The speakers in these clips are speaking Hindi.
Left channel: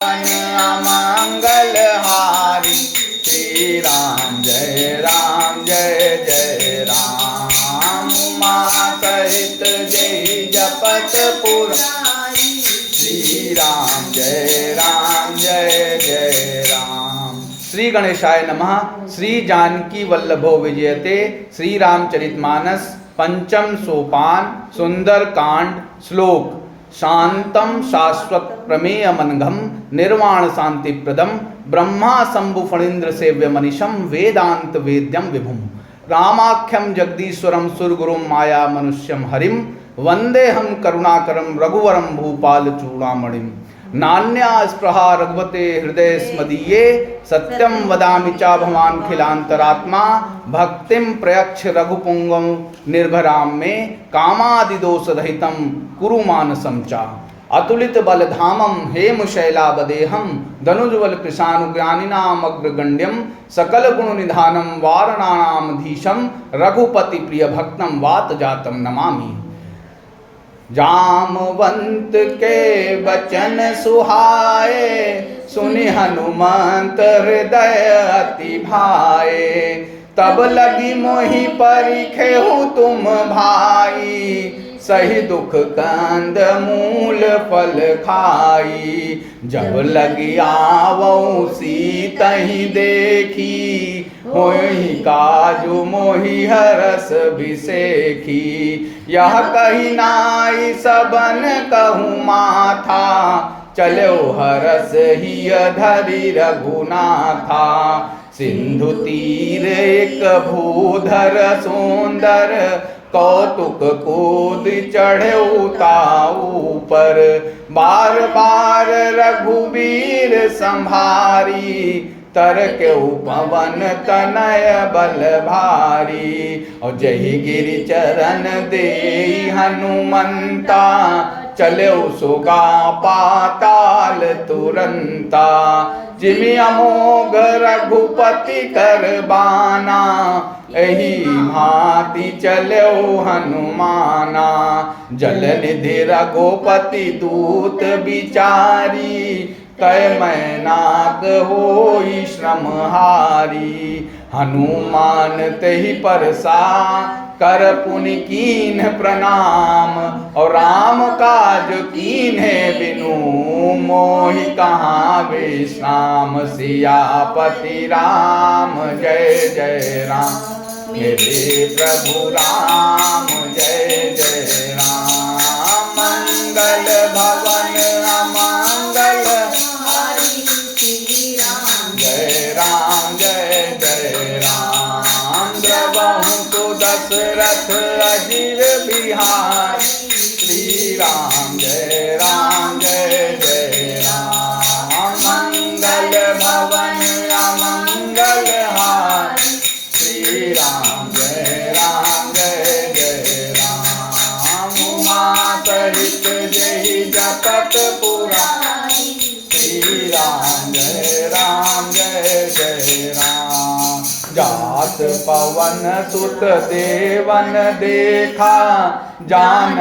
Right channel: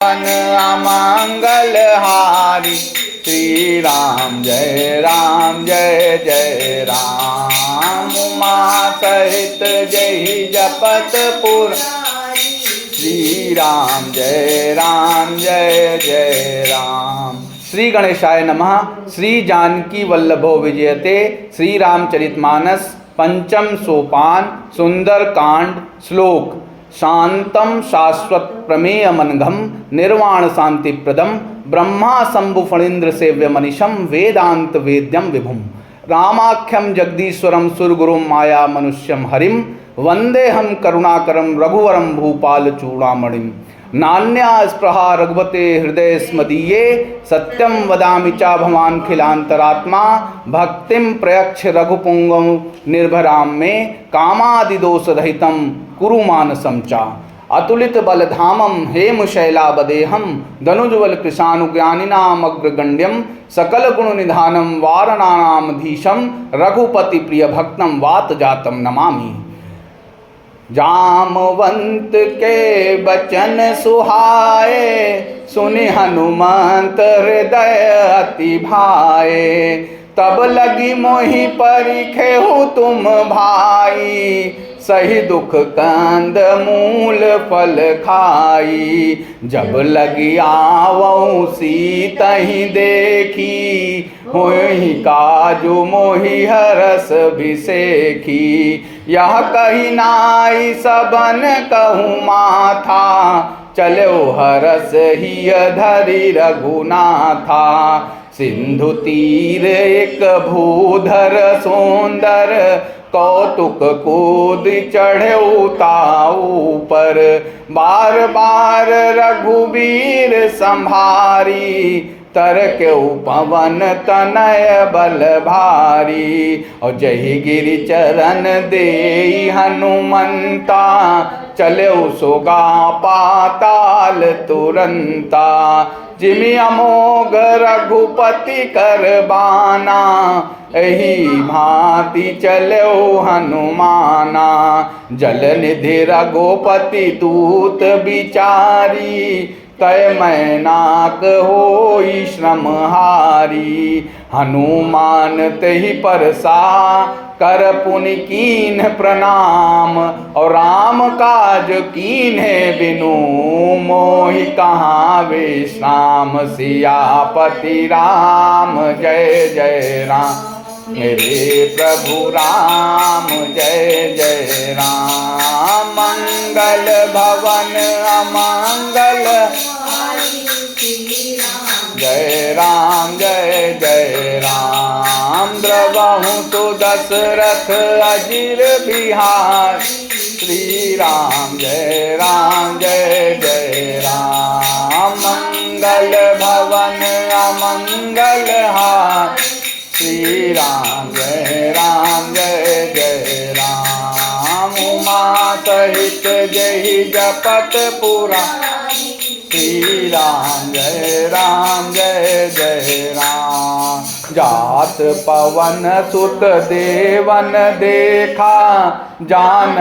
अमंगल हारी। श्री राम जय जय राम। उमा सहित जय जपत पुरारी। श्री राम जय जय राम। श्री गणेशाय नमः। श्री जानकी वल्लभो विजयते। श्री रामचरितमानस पंचम सोपान सुंदर कांड। श्लोक शांतम शाश्वत प्रमेयमनघम निर्वाण शांति प्रदम ब्रह्मा शंभु फणीन्द्र सेव्य मनीषम वेदांत वेद्यम विभुम रामाख्यम जगदीश्वरम सुरगुरुम माया मनुष्यम हरिम वंदे हम करुणाकरम रघुवरम भूपाल चूड़ामणिम। नान्या स्पृहा रघुपते हृदय स्मदीये सत्यम वदामि चा भवान खिलांतरात्मा भक्तिम प्रयक्ष रघुपुंगम निर्भराम में कामादिदोष रहितम कुरु मानसम चा। अतुलित बलधामम हेम शैलाबदेहम धनुज्वल कृशानुज्ञानिनाम अग्रगण्यम सकल गुण निधानम वारणानामधीशम रघुपति प्रिय भक्तम वात जातम नमामि। जामवंत के बचन सुहाए सुनि हनुमंत हृदय अति भाए। तब लगी मोहि परिखेहु तुम भाई सही दुख कंद मूल फल खाई। जब लगी आवऊ सीतहि देखी होहि काजु मोहि हरस भिसेखी। यह कही नाई सबन कहूँ माथा चलो हरस ही धरि रघुनाथा। सिंधु तीर एक भूधर सुंदर कौतुक कूद चढ़े उताऊ पर। बार बार रघुबीर संभारी तरके पवन तनय बल भारी। और जही गिरि चरण दे हनुमंता चले सोगा पाताल तुरंता। जिमि अमोघ रघुपति कर बाना एही भांति चलो हनुमाना। जल निधि रघुपति दूत बिचारी कय मैनाक होई श्रमहारी। हनुमान तेहि परसा कर पुनि कीन्ह प्रणाम और राम काज कीन्हे बिनु मोहि कहाँ विश्राम। सियापति राम जय जय राम मेरे प्रभु राम जय जय राम। मंगल भवन अमंगल जय जय राम। द्रवहु तो दशरथ अजिर बिहार। श्री राम जय जय राम। मंगल भवन अमंगल हार। श्री राम जय जय राम। उमा सहित जय जपत पुरारी। श्री राम जय जय राम। जात पवन सुत देवन देखा जान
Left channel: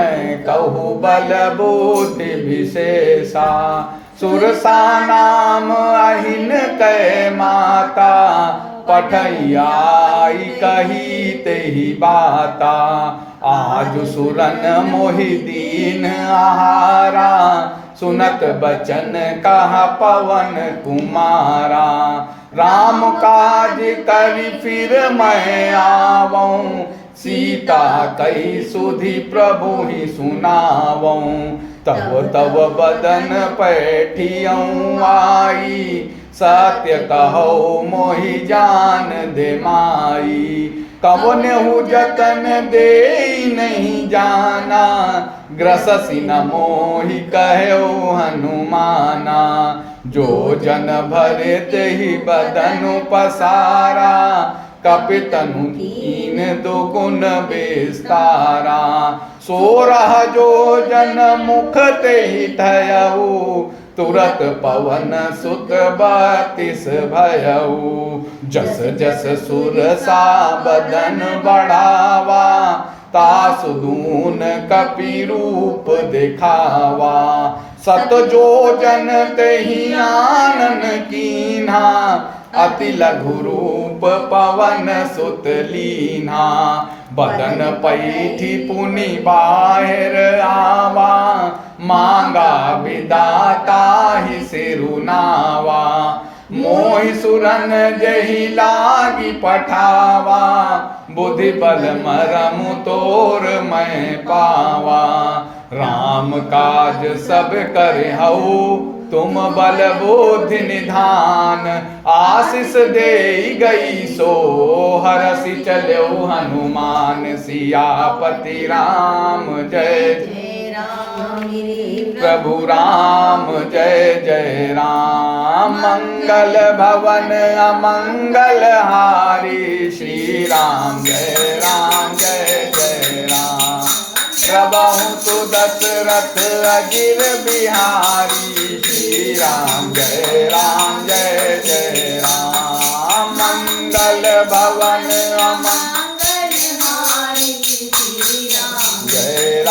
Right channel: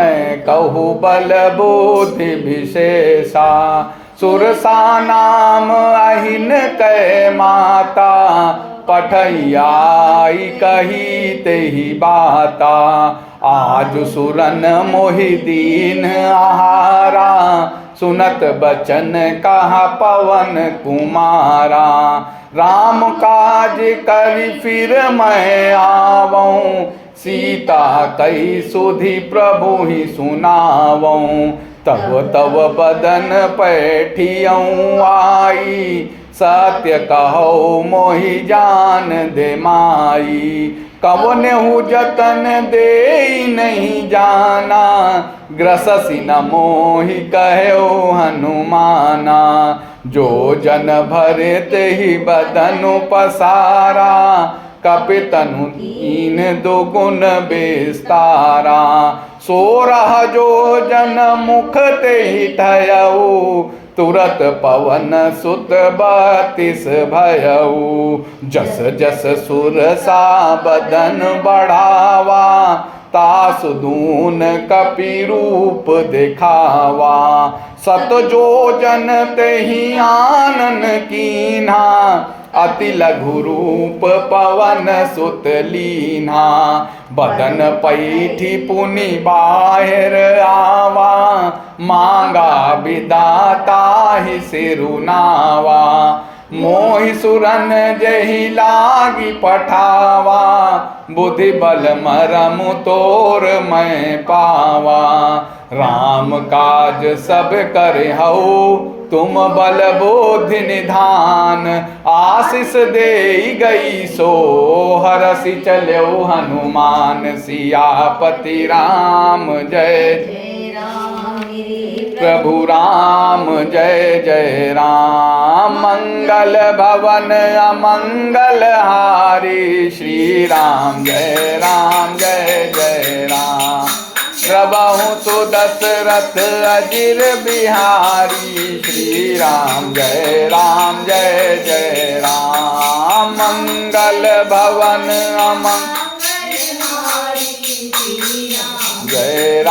कहु बल बुद्धि विशेषा। सुरसा नाम अहिन कै माता पठैयाई कही तेहि बाता। आज सुरन मोहि दीन आहारा सुनत बचन कहा पवन कुमारा। राम काज करि फिर मैं आवऊं सीता कई सुधि प्रभु ही सुनावऊं। तब बदन पैठियऊं आई सत्य कहो मोहि जान दे माई। कवनेहु जतन दे नहीं जाना ग्रससि न मोहि कहो हनुमाना। जो जन भरे तेहि बदनु पसारा कपितनु तीन दुगुन विस्तारा। सोरह जो जन मुख तेहि थयऊ तुरत पवन सुत 32 भयऊ। जस जस सुरसा बदन बढ़ावा तासुदून कपि रूप दिखावा। सत जो जन तेहि आनन कीन्हा, अति लघु रूप पवन सुत लीन्हा। बदन पैठी पुनि बाहिर आवा, मांगा विदाता ही सिरुनावा। मोहि सुरन जहि लागी पठावा, बुद्धि बल मरम तोर मैं पावा। राम काज सब कर हऊ, तुम बल बुद्धि निधान। आशीष दे गई सो हरसि चलो हनुमान। सियापति राम जय प्रभु राम जय जय राम। मंगल भवन अमंगल हारी, श्री राम जय जय राम। प्रभु तो दशरथ अजिर बिहारी, श्री राम जय जय राम। मंगल भवन अमंगल हारी, जय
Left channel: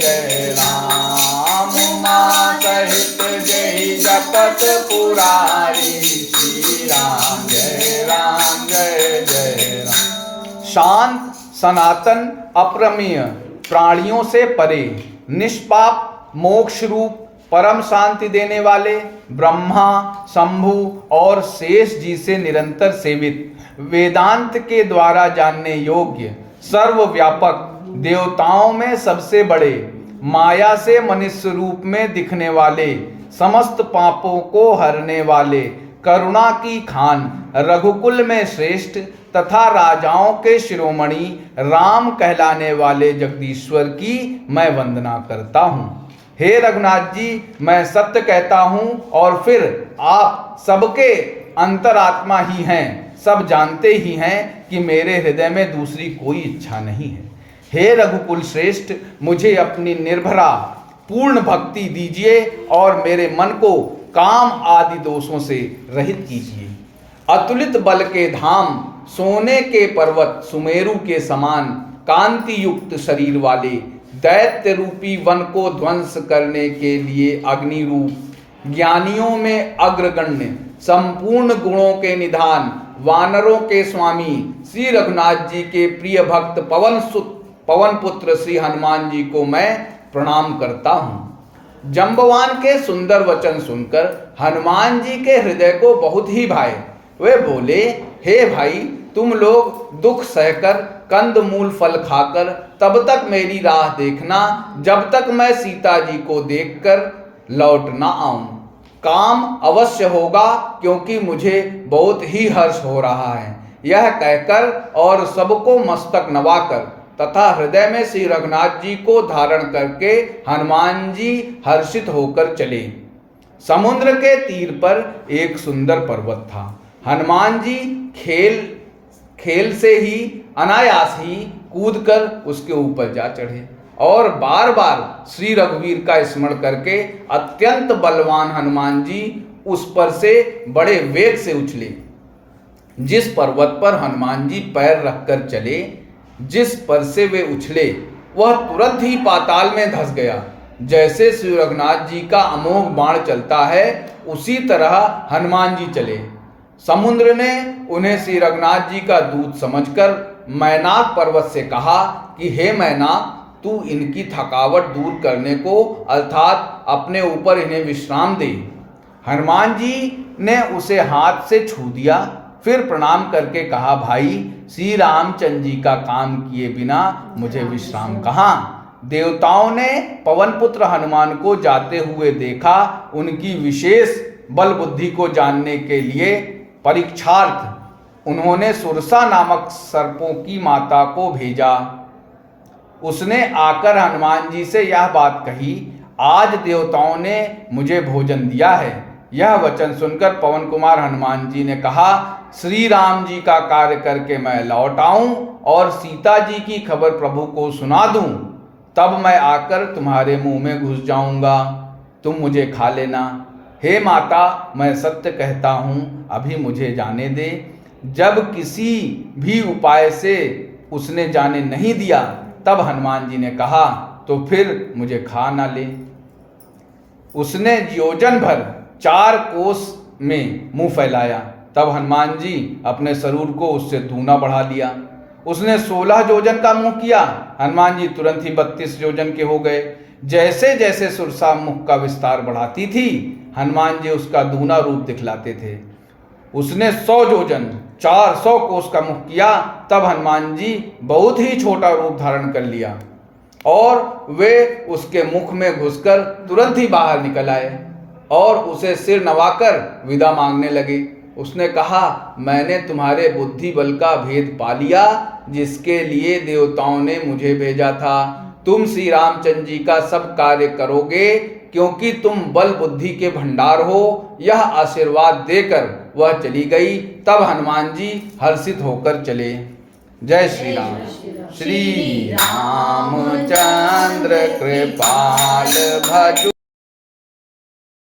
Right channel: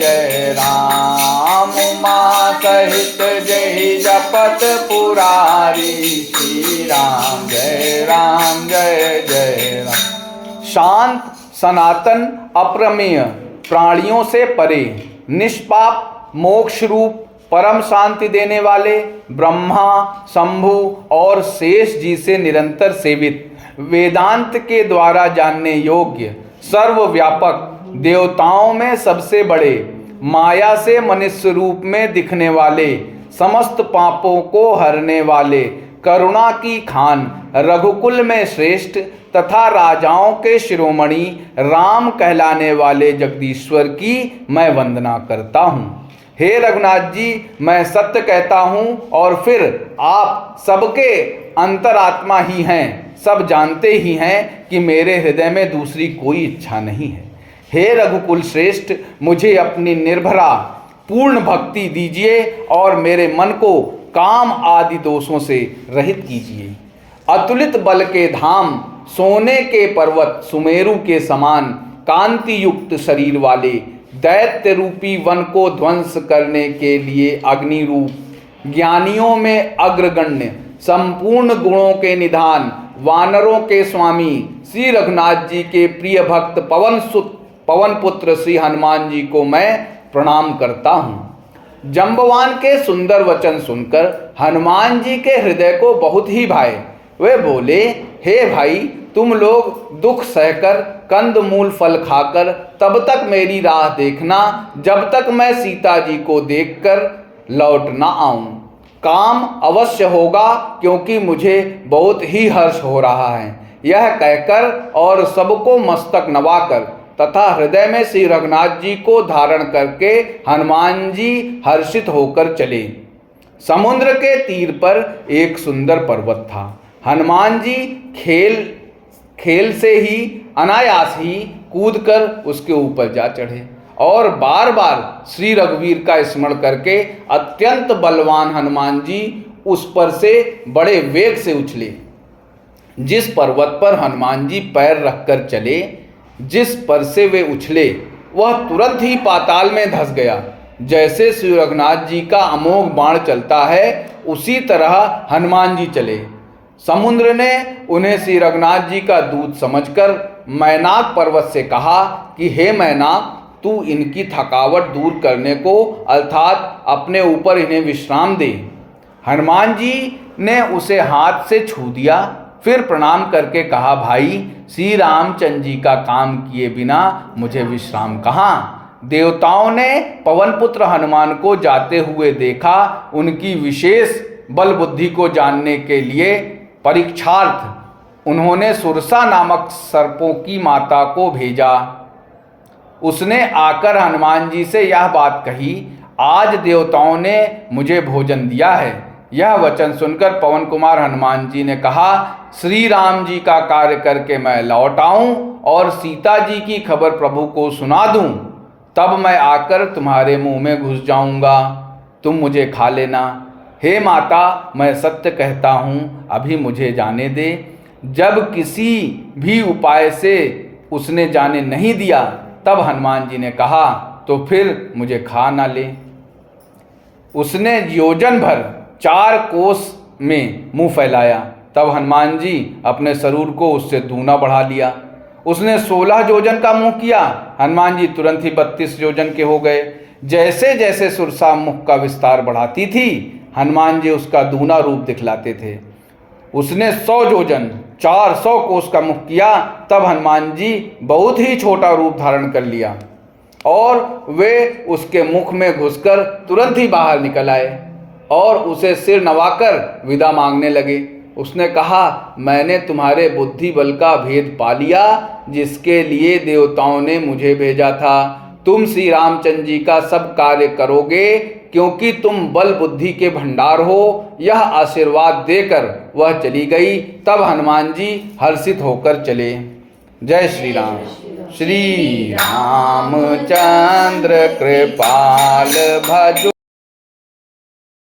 जय राम। उमा सहित जय जपत पुरारी, श्री राम जय जय राम। शांत सनातन अप्रमेय, प्राणियों से परे, निष्पाप, मोक्ष रूप, परम शांति देने वाले, ब्रह्मा, शंभु और शेष जी से निरंतर सेवित, वेदांत के द्वारा जानने योग्य, सर्वव्यापक, देवताओं में सबसे बड़े, माया से मनुष्य रूप में दिखने वाले, समस्त पापों को हरने वाले, करुणा की खान, रघुकुल में श्रेष्ठ तथा राजाओं के शिरोमणि राम कहलाने वाले जगदीश्वर की मैं वंदना करता हूँ। हे रघुनाथ जी, मैं सत्य कहता हूँ और फिर आप सबके अंतरात्मा ही हैं, सब जानते ही हैं कि मेरे हृदय में दूसरी कोई इच्छा नहीं है। हे रघुकुल श्रेष्ठ, मुझे अपनी निर्भरा पूर्ण भक्ति दीजिए और मेरे मन को काम आदि दोषों से रहित कीजिए। अतुलित बल के धाम, सोने के पर्वत सुमेरु के समान कांति युक्त शरीर वाले, दैत्य रूपी वन को ध्वंस करने के लिए अग्नि रूप, ज्ञानियों में अग्रगण्य, संपूर्ण गुणों के निधान, वानरों के स्वामी श्री रघुनाथ जी के प्रिय भक्त पवन पुत्र श्री हनुमान जी को मैं प्रणाम करता हूँ। जंबवान के सुंदर वचन सुनकर हनुमान जी के हृदय को बहुत ही भाए। वे बोले, हे भाई, तुम लोग दुख सहकर, कंद मूल फल खाकर तब तक मेरी राह देखना जब तक मैं सीता जी को देखकर लौट ना आऊं। काम अवश्य होगा, क्योंकि मुझे बहुत ही हर्ष हो रहा है। यह कहकर और सबको मस्तक नवाकर तथा हृदय में श्री रघुनाथ जी को धारण करके हनुमान जी हर्षित होकर चले। समुद्र के तीर पर एक सुंदर पर्वत था। हनुमान जी खेल से ही अनायास ही कूदकर उसके ऊपर जा चढ़े और बार बार श्री रघुवीर का स्मरण करके अत्यंत बलवान हनुमान जी उस पर से बड़े वेग से उछले। जिस पर्वत पर हनुमान जी पैर रखकर चले, जिस पर से वे उछले, वह तुरंत ही पाताल में धंस गया। जैसे श्री रघुनाथ जी का अमोघ बाण चलता है, उसी तरह हनुमान जी चले। समुद्र ने उन्हें श्री रघुनाथ जी का दूत समझकर मैनाक पर्वत से कहा कि हे मैनाक, तू इनकी थकावट दूर करने को अर्थात अपने ऊपर इन्हें विश्राम दे। हनुमान जी ने उसे हाथ से छू दिया, फिर प्रणाम करके कहा, भाई, श्री रामचंद्र जी का काम किए बिना मुझे विश्राम कहाँ। देवताओं ने पवन पुत्र हनुमान को जाते हुए देखा। उनकी विशेष बल बुद्धि को जानने के लिए परीक्षार्थ उन्होंने सुरसा नामक सर्पों की माता को भेजा। उसने आकर हनुमान जी से यह बात कही, आज देवताओं ने मुझे भोजन दिया है। यह वचन सुनकर पवन कुमार हनुमान जी ने कहा, श्री राम जी का कार्य करके मैं लौट आऊं और सीता जी की खबर प्रभु को सुना दूं, तब मैं आकर तुम्हारे मुंह में घुस जाऊंगा, तुम मुझे खा लेना। हे माता, मैं सत्य कहता हूँ, अभी मुझे जाने दे। जब किसी भी उपाय से उसने जाने नहीं दिया। तब हनुमान जी ने कहा, तो फिर मुझे खा ना ले। उसने योजन भर 4 कोस में मुंह फैलाया। तब हनुमान जी अपने शरीर को उससे दूना बढ़ा लिया। उसने 16 योजन का मुंह किया। हनुमान जी तुरंत ही 32 योजन के हो गए। जैसे जैसे सुरसा मुख का विस्तार बढ़ाती थी, हनुमान जी उसका दूना रूप दिखलाते थे। उसने 100 योजन 400 कोस का मुख किया। तब हनुमान जी बहुत ही छोटा रूप धारण कर लिया और वे उसके मुख में घुसकर तुरंत ही बाहर निकल आए और उसे सिर नवाकर विदा मांगने लगे। उसने कहा, मैंने तुम्हारे बुद्धि बल का भेद पा लिया, जिसके लिए देवताओं ने मुझे भेजा था। तुम श्री रामचंद्र जी का सब कार्य करोगे, क्योंकि तुम बल बुद्धि के भंडार हो। यह आशीर्वाद देकर वह चली गई। तब हनुमान जी हर्षित होकर चले। जय श्री राम। श्री रामचंद्र कृपाल भजो